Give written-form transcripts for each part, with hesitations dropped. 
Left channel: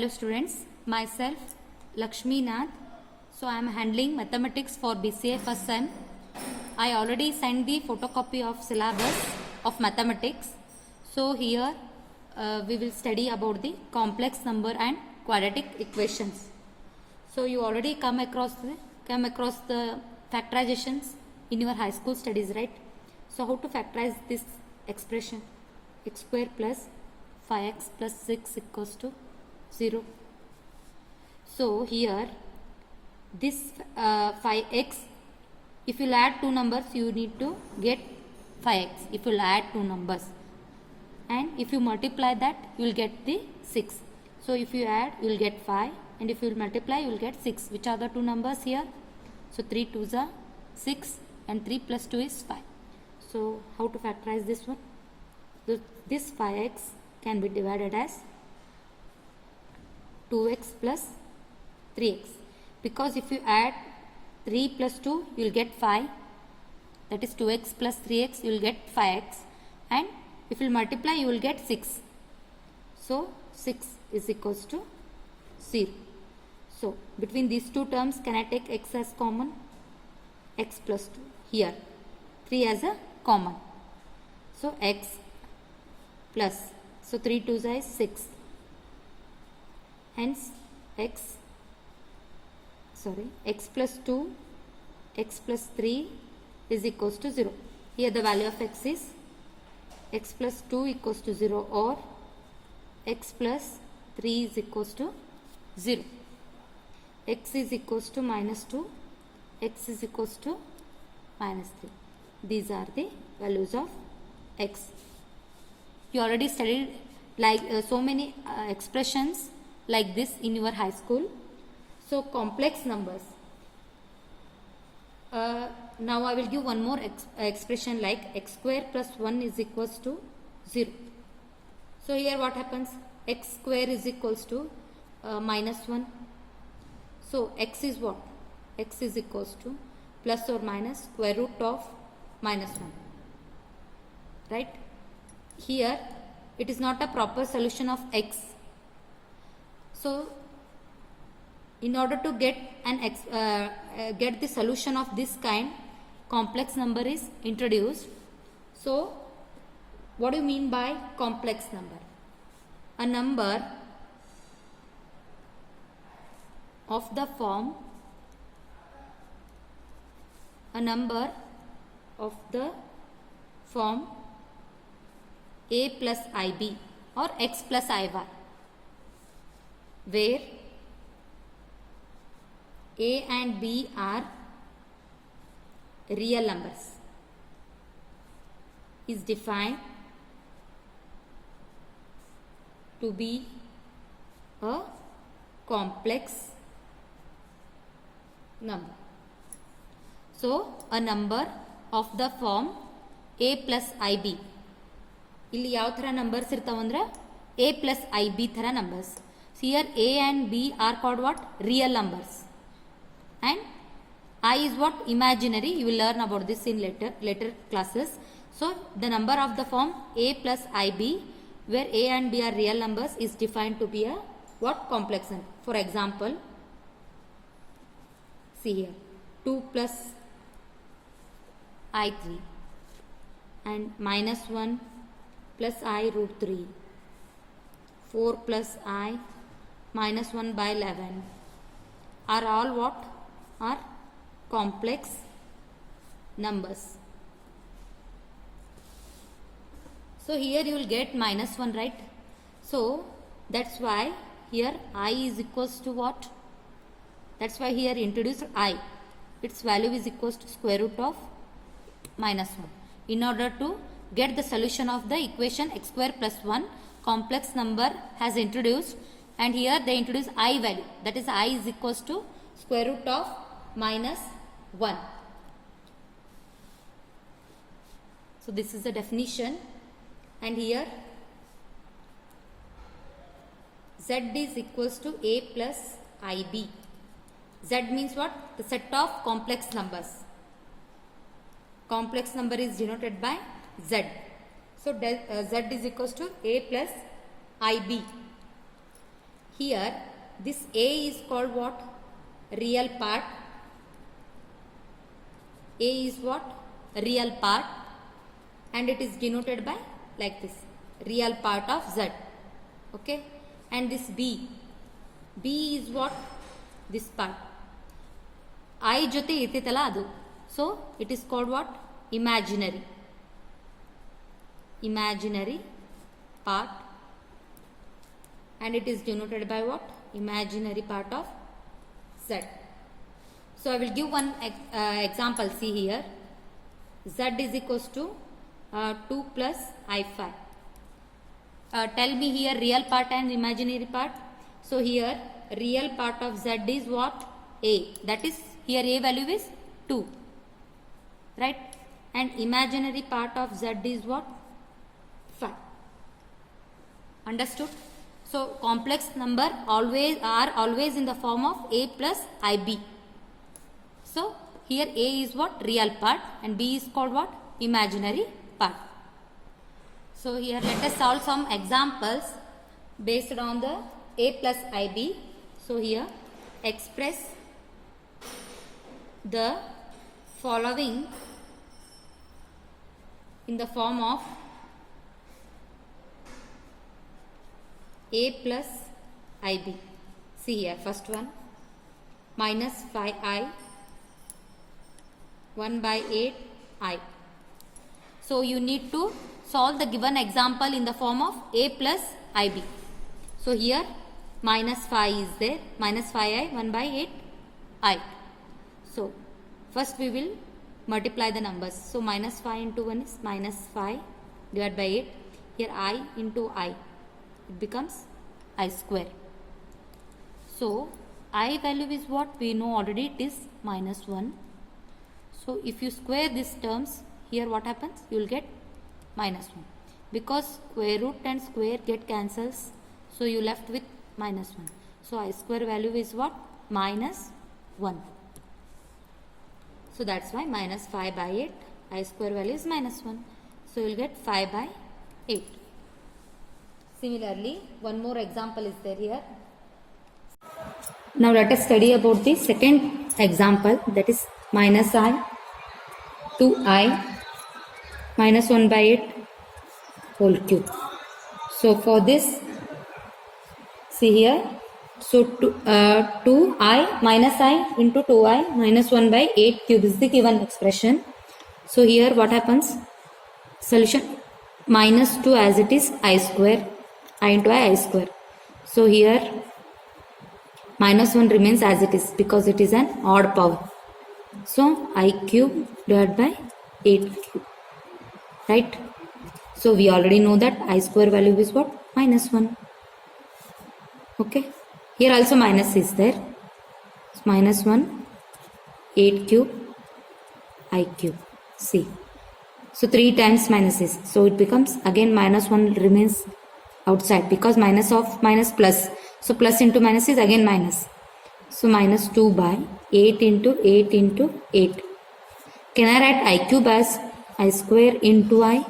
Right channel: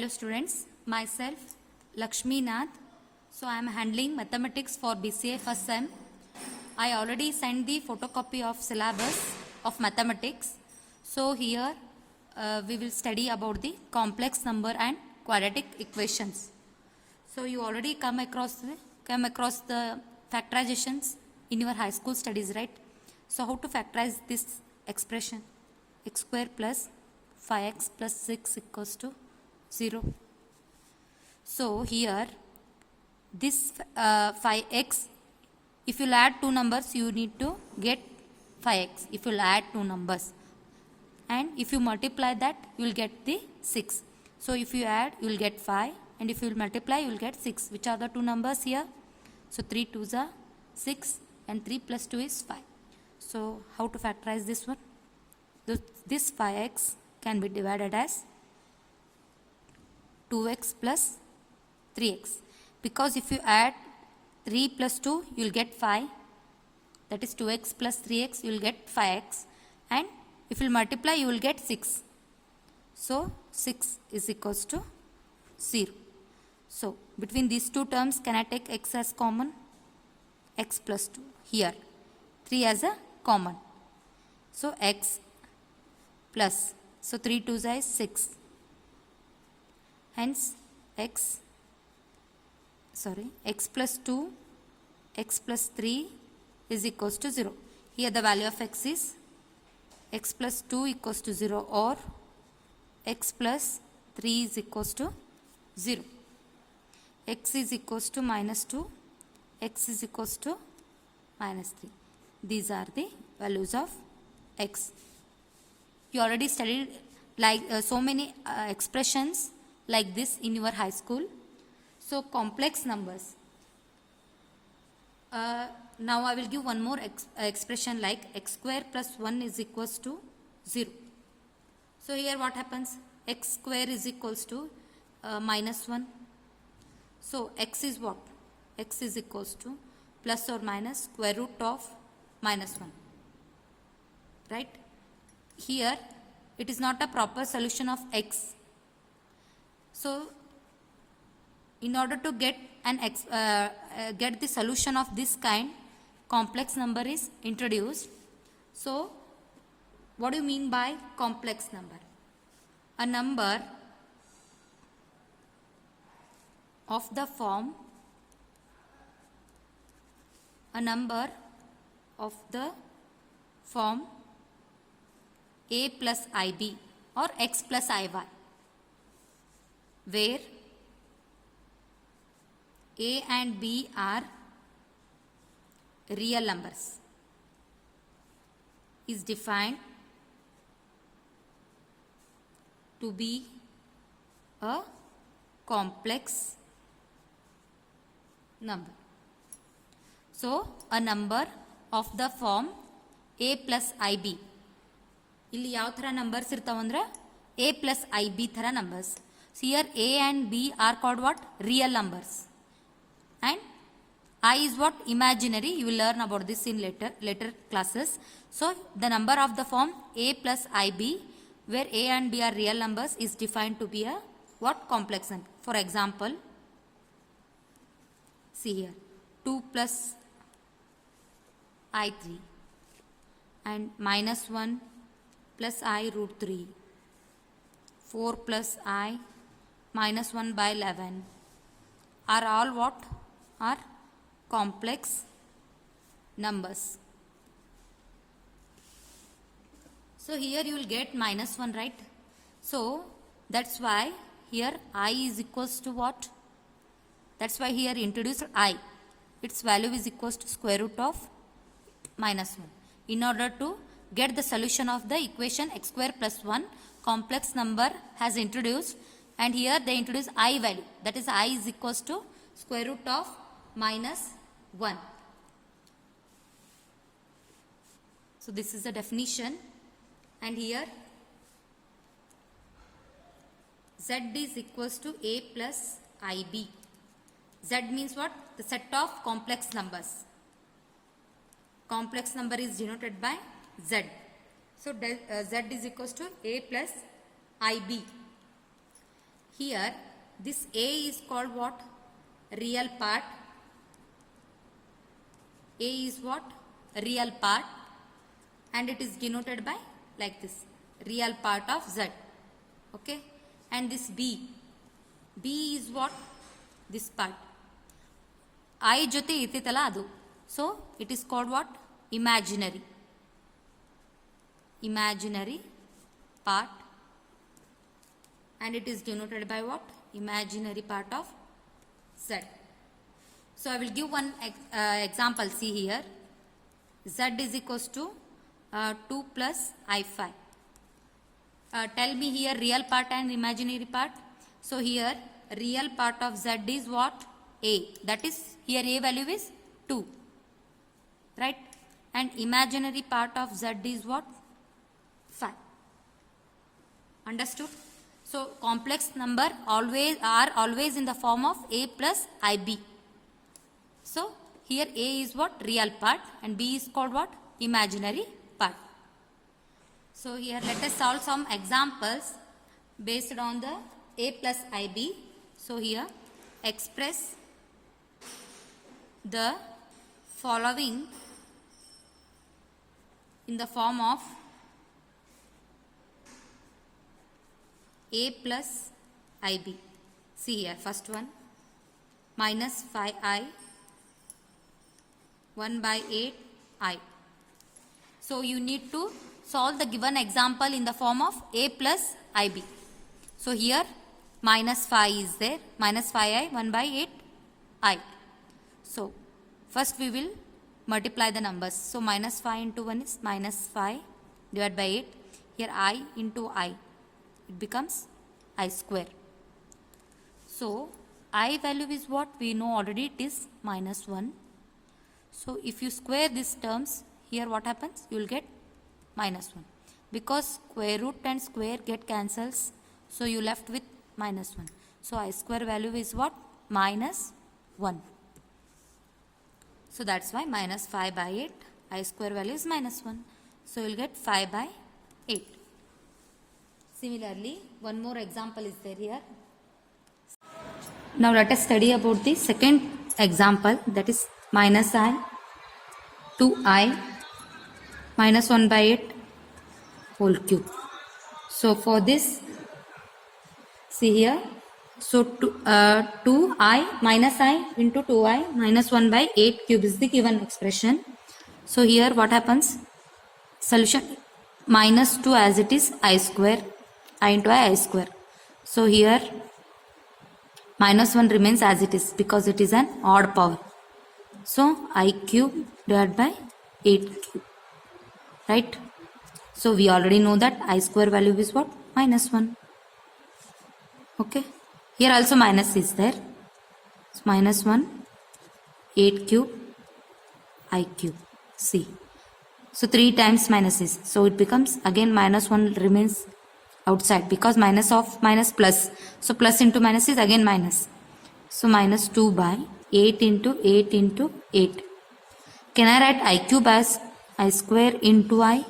Hello students, myself Lakshmi Nath. So I am handling mathematics for BCA first sem. I already sent the photocopy of syllabus of mathematics. So here we will study about the complex number and quadratic equations. So you already come across the factorizations in your high school studies, right? So how to factorize this expression? X square plus 5x plus 6 equals to 0. So here this 5x, if you add two numbers you need to get 5x if you add two numbers, and if you multiply that you will get the 6. So if you add you will get 5, and if you multiply you will get 6. Which are the two numbers here? So 3 2s are 6 and 3 plus 2 is 5. So how to factorize this one? This 5x can be divided as 2x plus 3x, because if you add 3 plus 2 you will get 5, that is 2x plus 3x you will get 5x, and if you multiply you will get 6. So 6 is equals to 0. So between these two terms, can I take x as common? X plus 2, here 3 as a common. So x plus, so 3 2s is 6, hence x plus 2, x plus 3 is equals to 0. Here the value of x is x plus 2 equals to 0, or x plus 3 is equals to 0. X is equals to minus 2, x is equals to minus 3. These are the values of x. You already studied like so many expressions like this in your high school. So complex numbers. Now I will give one more expression like x square plus 1 is equals to 0. So here what happens? X square is equals to minus 1. So x is what? X is equals to plus or minus square root of minus 1. Right? Here it is not a proper solution of x. So in order to get get the solution of this kind, complex number is introduced. So what do you mean by complex number? A number of the form a plus ib or x plus iy, where a and b are real numbers, is defined to be a complex number. So a number of the form a plus ib, ಇಲ್ಲಿ ಯಾವ ಥರ numbers ಇರ್ತಾವಂದ್ರೆ a plus ib ಥರ numbers. So here a and b are called what? Real numbers, and I is what? Imaginary. You will learn about this in later classes. So the number of the form a plus ib, where a and b are real numbers, is defined to be a what? Complex number. For example, see here 2 plus i3 and minus 1 plus I root 3, 4 plus I minus 1 by 11 are all what? Are complex numbers. So here you will get minus 1, right? So that's why here I is equals to what? That's why here introduced I. Its value is equals to square root of minus 1. In order to get the solution of the equation x square plus 1, complex number has introduced, and here they introduce I value, that is I is equals to square root of minus 1. So this is the definition, and here z is equals to a plus ib. Z means what? The set of complex numbers. Complex number is denoted by z. So z is equals to a plus ib. Here this A is called what? Real part. A is what? Real part, and it is denoted by like this, real part of Z. Okay, and this B is what? This part. I jote irtitala adu. So it is called what? Imaginary. Imaginary part, and it is denoted by what? Imaginary part of Z. So I will give one example. See here, Z is equals to 2 plus I5. Tell me here real part and imaginary part. So here real part of Z is what? A. That is, here A value is 2. Right? And imaginary part of Z is what? 5. Understood? So complex number are always in the form of A plus IB. So here A is what? Real part, and B is called what? Imaginary part. So here let us solve some examples based on the A plus IB. So here express the following in the form of A plus IB. See here, first one, minus 5I 1 by 8I. So you need to solve the given example in the form of A plus IB. So here minus 5 is there, minus 5I 1 by 8I. So first we will multiply the numbers. So minus 5 into 1 is minus 5 divided by 8. Here I into I, it becomes I square. So I value is what? We know already, it is minus 1. So if you square these terms, here what happens? You will get minus 1. Because square root and square get cancels, so you left with minus 1. So I square value is what? Minus 1. So that's why minus 5 by 8, I square value is minus 1. So you will get 5 by 8. Similarly, one more example is there here. Now let us study about the second example, that is minus I 2I minus 1 by 8 whole cube. So for this, see here, so 2I minus I into 2I minus 1 by 8 cube is the given expression. So here what happens? Solution minus 2 as it is I square, I into I square. So here minus 1 remains as it is because it is an odd power. So I cube divided by 8 cube. Right? So we already know that I square value is what? Minus 1. Okay. Here also minus is there. So minus 1, 8 cube, I cube. See. So 3 times minus is. So it becomes again minus 1 remains outside because minus of minus plus. So plus into minus is again minus. So minus 2 by 8 into 8 into 8. Can I write I cube as I square into I?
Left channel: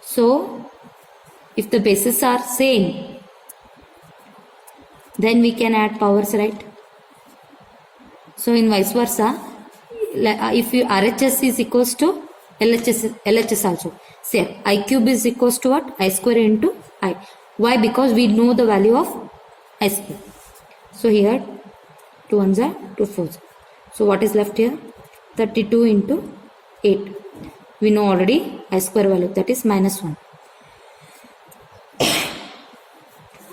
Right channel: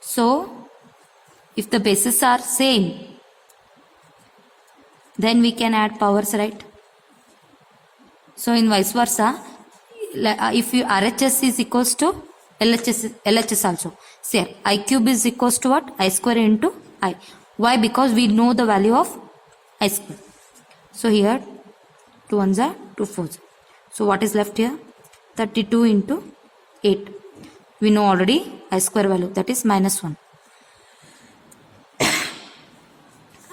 So if the bases are same, then we can add powers, right? So in vice versa, if you RHS is equals to LHS also. Say I cube is equals to what? I square into I. Why? Because we know the value of I square. So here 2 ones are 2 fours. So what is left here? 32 into 8. We know already I square value, that is minus 1.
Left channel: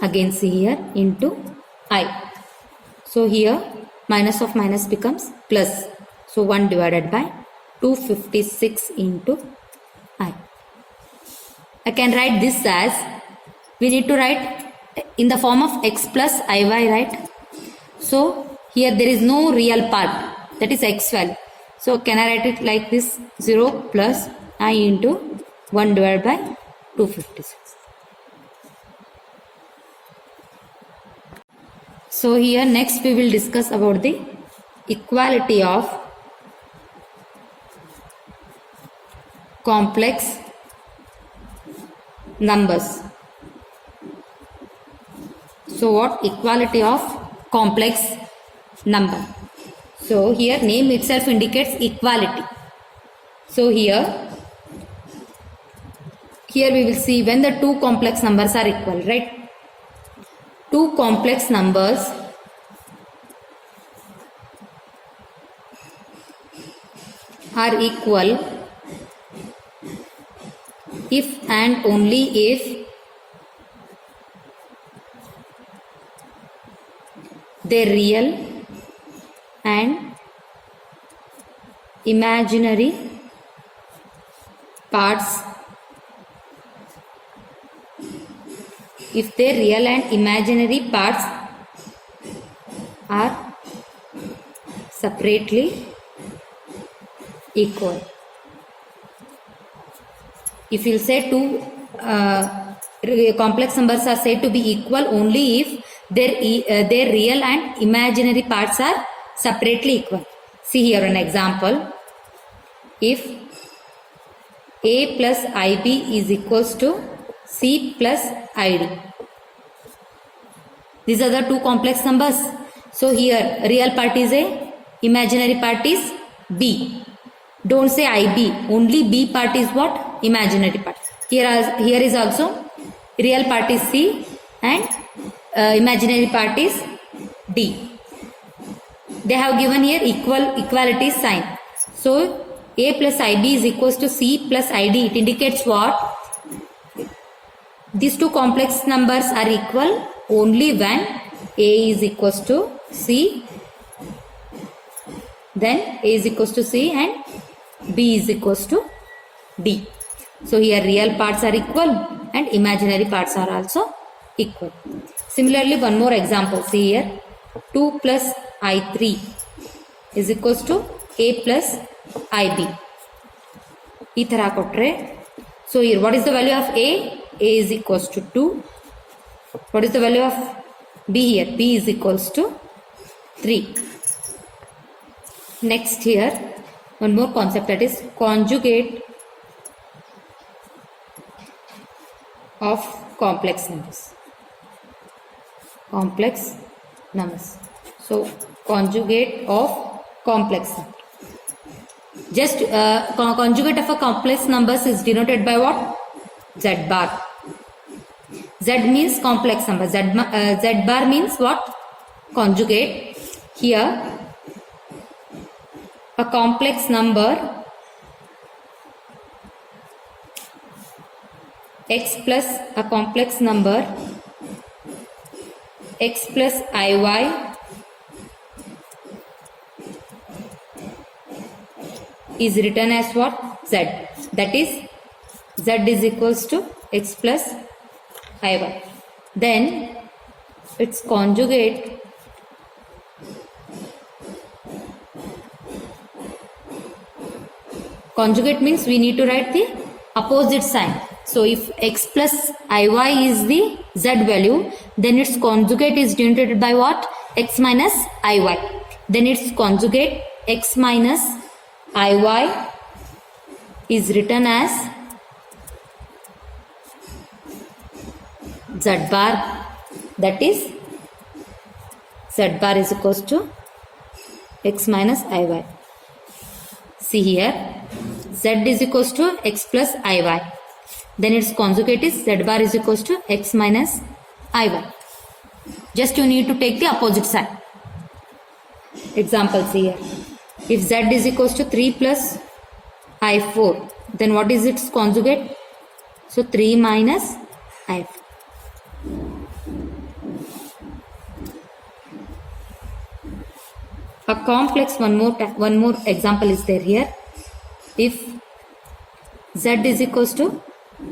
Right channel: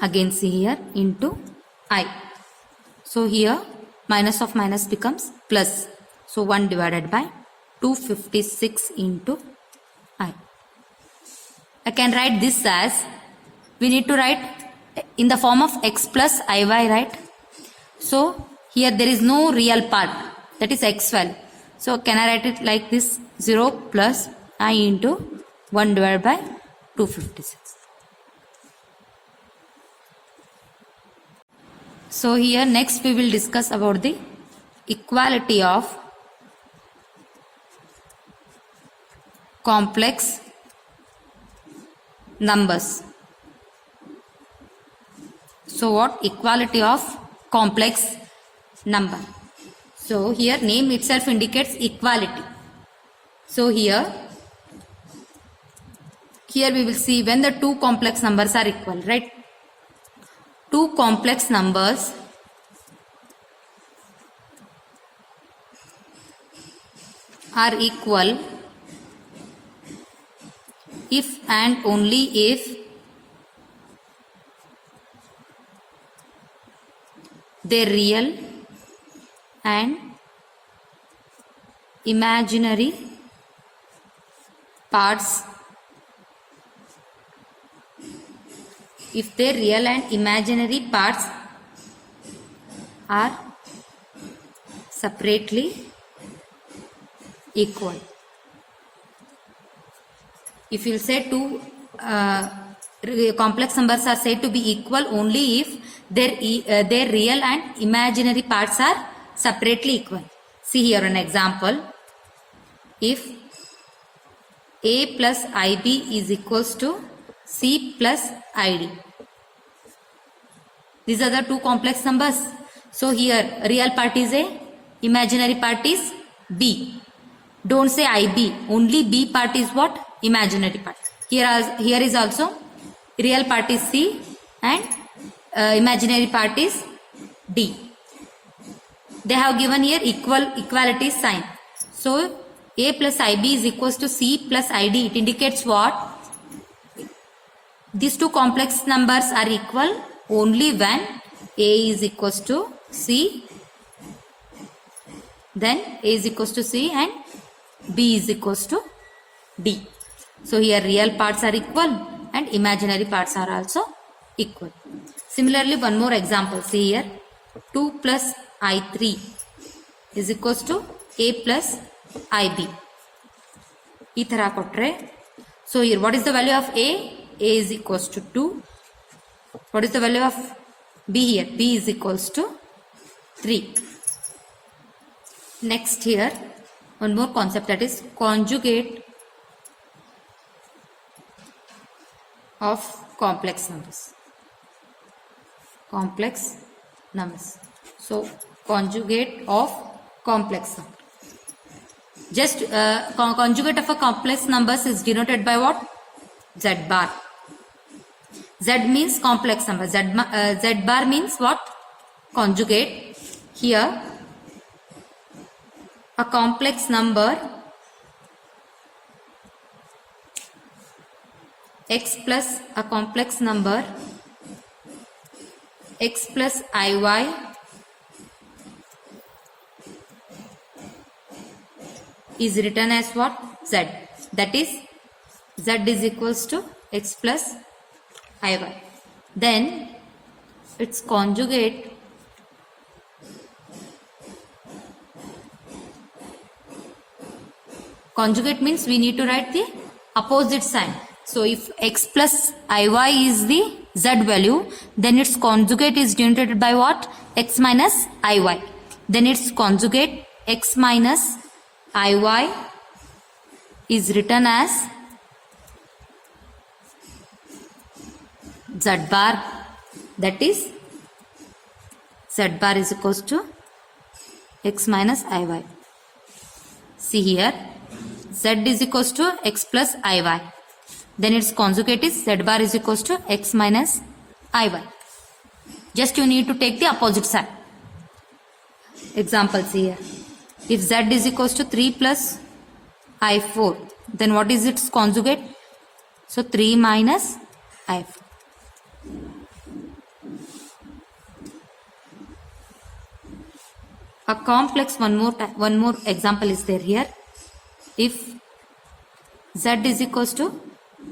Again see here into I. So here minus of minus becomes plus. So 1 divided by 256 into I. I can write this as, we need to write in the form of x plus iy, right? So here there is no real part, that is x value. So can I write it like this? 0 plus I into 1 divided by 256. So here next we will discuss about the equality of complex numbers. So what? Equality of complex number. So here name itself indicates equality. So here we will see when the two complex numbers are equal, right? Two complex numbers are equal if and only if their real and imaginary parts are separately equal. If you say two complex numbers are said to be equal only if their real and imaginary parts are separately equal. See here an example. If a plus ib is equals to c plus id. These are the two complex numbers. So here real part is a, imaginary part is b. Don't say ib, only b part is what? Imaginary part. Here is also real part is c and imaginary part is d. They have given here equality sign. So a plus ib is equals to c plus id. It indicates what? These two complex numbers are equal only when a is equals to c, then a is equals to c and b is equals to d. So here real parts are equal and imaginary parts are also equal. Similarly, one more example. See here, 2 plus I3 is equals to a plus ib. So here what is the value of a? A is equals to 2. What is the value of b here? B is equals to 3. Next here, one more concept, that is conjugate of complex numbers. So conjugate of complex number. Just conjugate of a complex numbers is denoted by what? Z bar. Z means complex number. Z bar means what? Conjugate. Here a complex number x plus a complex number x plus iy is written as what? Z. That is z is equals to x plus iy. Then its conjugate means we need to write the opposite sign. So if x plus iy is the z value, then its conjugate is denoted by what? X minus iy. Then its conjugate x minus iy is written as z bar. That is z bar is equals to x minus iy. See here, z is equals to x plus iy. Then its conjugate is z bar is equals to x minus iy. Just you need to take the opposite sign. Examples here. If z is equals to 3 plus i4, then what is its conjugate? So 3 minus i4. A complex, one more example is there here. If z is equals to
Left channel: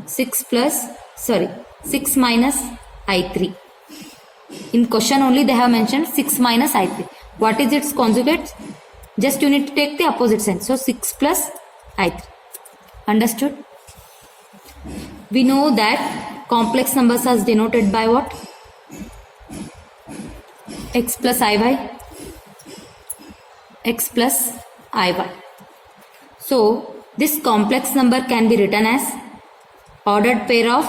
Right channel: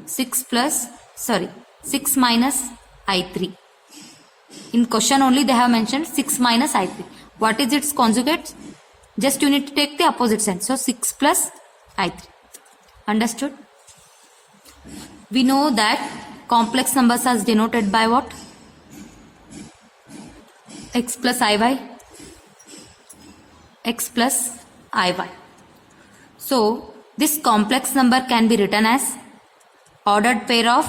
6 minus i3. In question only they have mentioned 6 minus i3. What is its conjugate? Just you need to take the opposite sign. So 6 plus i3. Understood? We know that complex numbers are denoted by what? X plus iy. X plus iy. So this complex number can be written as ordered pair of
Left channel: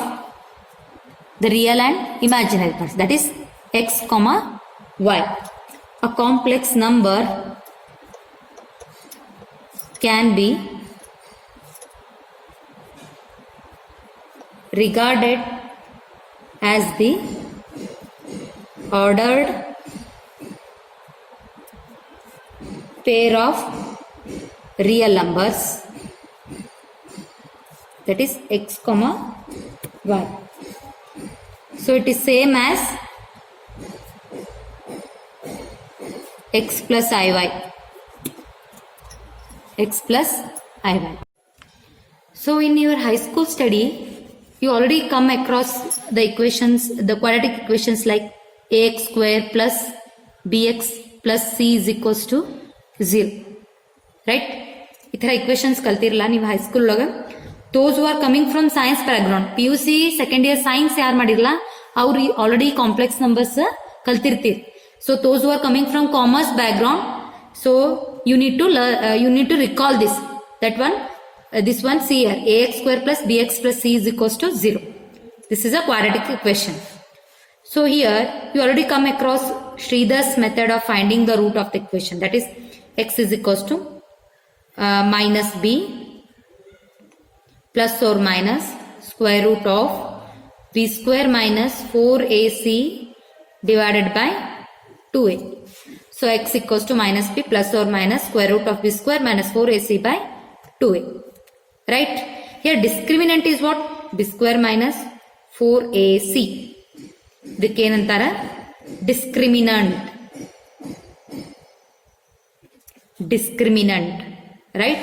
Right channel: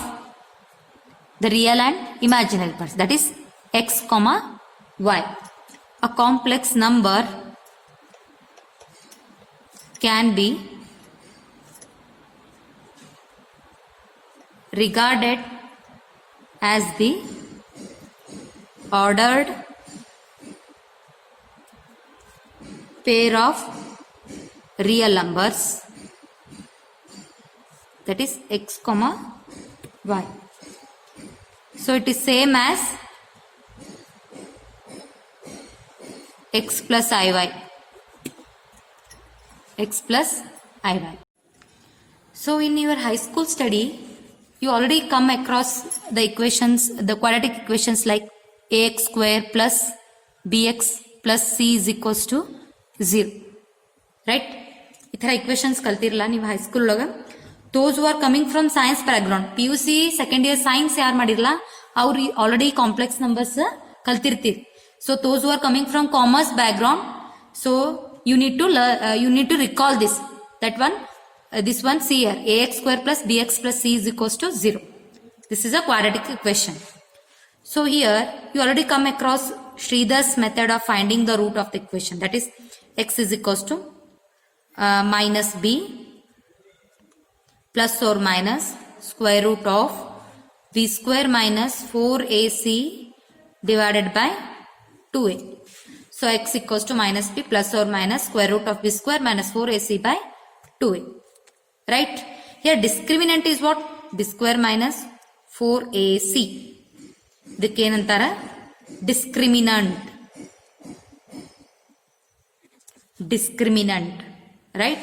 the real and imaginary parts. That is x comma y. A complex number can be regarded as the ordered pair of real numbers, that is x comma y. So it is same as x plus iy. X plus iy. So in your high school study, you already come across the equations, the quadratic equations like ax square plus bx plus c is equals to 0. Right? ಈ ಥರ equations ಕಲ್ತಿರಲ್ಲ ನೀವು high school ಒಳಗೆ. Those who are coming from science background, PUC second year science ಯಾರು ಮಾಡಿರಲ್ಲ ಅವ್ರು already complex numbers ಕಲ್ತಿರ್ತೀರಿ. So those who are coming from commerce background, so you need to recall this. That one, this one, see here, ax square plus bx plus c is equals to 0. This is a quadratic equation. So here you already come across Sridhar's method of finding the root of the equation. That is x is equals to minus b plus or minus square root of b square minus 4ac divided by 2a. So x equals to minus b plus or minus square root of b square minus 4ac by 2a. Right? Here discriminant is what? b square minus 4ac. ಇದಕ್ಕೇನಂತಾರ discriminant. Discriminant. Right?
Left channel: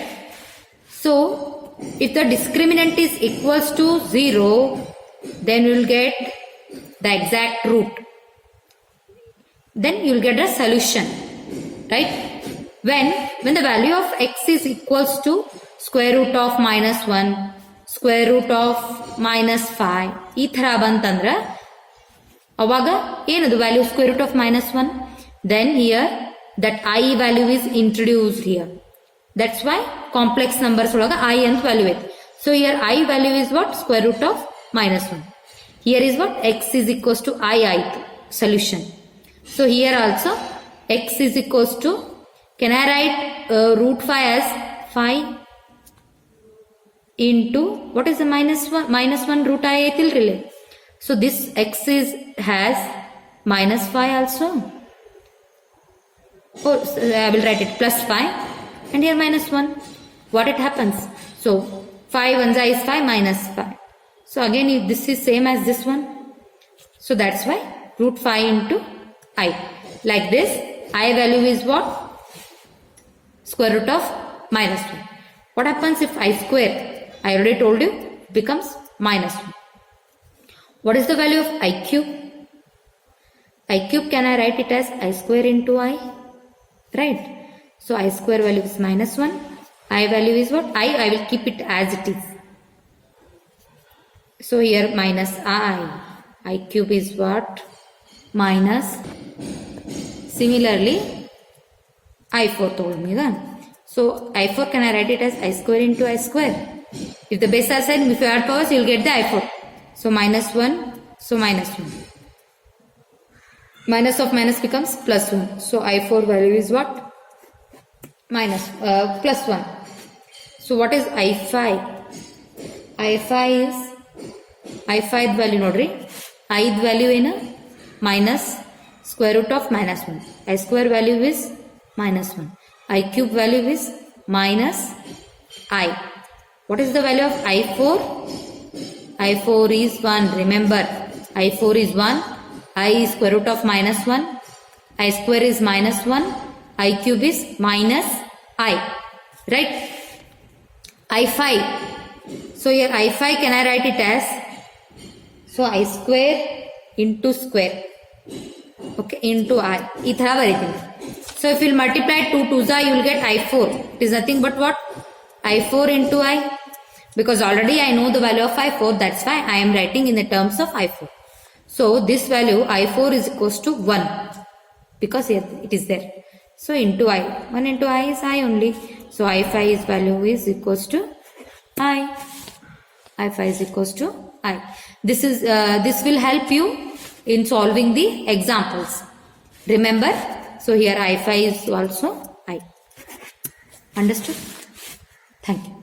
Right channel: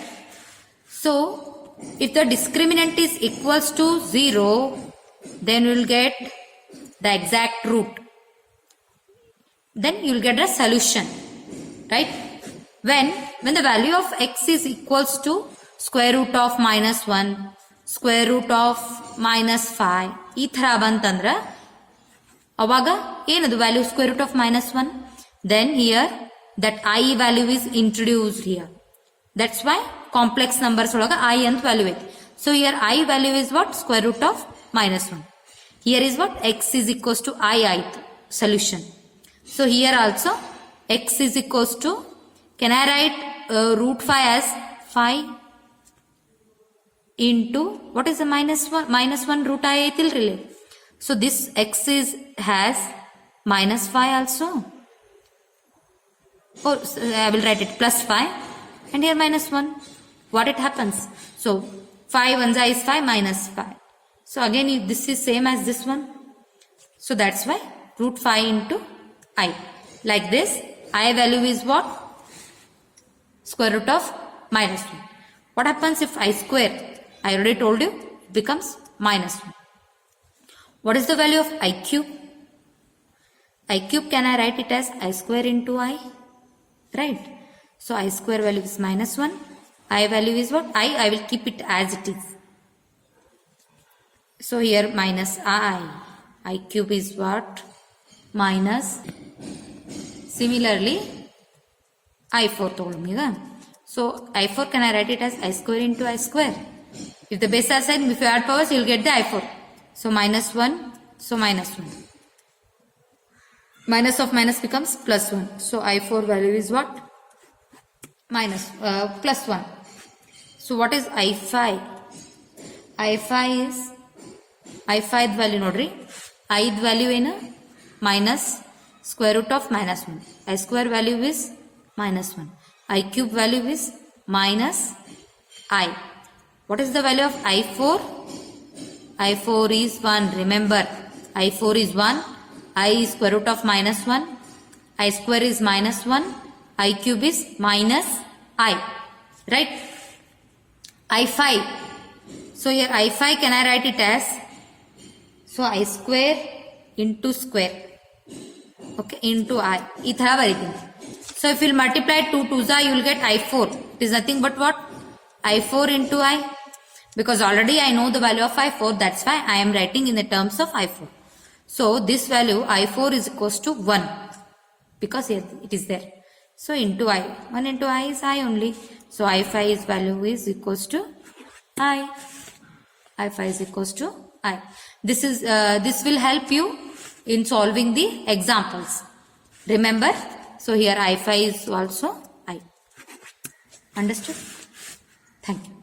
So if the discriminant is equals to 0, then we will get the exact root. Then you will get a solution. Right? When the value of x is equals to square root of minus 1, square root of minus 5, ಈ ಥರ ಬಂತಂದ್ರೆ ಅವಾಗ ಏನದು value square root of minus 1? Then here that I value is introduced here. That's why complex numbers ಒಳಗ I ಅಂತ value ಐತಿ. So here I value is what? Square root of minus 1. Here is what? X is equals to I ಆಯ್ತು solution. So here also x is equals to, can I write root 5 as 5 into, what is the minus 1? Minus 1 root I ಐತಿಲ್ರಿಲೆ. So this x has minus 5 also. Oh, so I will write it plus 5 and here minus 1. What it happens? So 5 1 is 5 minus 5. So again this is same as this one. So that's why root 5 into I. Like this, I value is what? Square root of minus 1. What happens if I square? I already told you, becomes minus 1. What is the value of I cube? I cube, can I write it as I square into I? Right? So I square value is minus 1. I value is what? I will keep it as it is. So here minus I. I cube is what? Minus. Similarly, I4 told me that. So I4, can I write it as I square into I square? If the base are same, if you add powers, you will get the I4. So minus 1, so minus 1. Minus of minus becomes plus 1. So I4 value is what? Minus, plus 1. So what is I5? I5 is, I5 value nodri. I value in a minus square root of minus 1. I square value is minus 1. I cube value is minus I. What is the value of I4? I4 is 1. Remember, I4 is 1. I is square root of minus 1. I square is minus 1. I cube is minus I. Right? I5. So here I5, can I write it as? So I square into square. Okay, into I. ಈ ಥರ ಬರೀತೀನಿ. So if you multiply 2 2s, you will get I4. It is nothing but what? I4 into I. Because already I know the value of I4. That's why I am writing in the terms of I4. So this value I4 is equals to 1. Because here it is there. So into I. 1 into I is I only. So I5 is value is equals to I. I5 is equals to I. This will help you in solving the examples. Remember? So here I5 is also I. Understood? Thank you.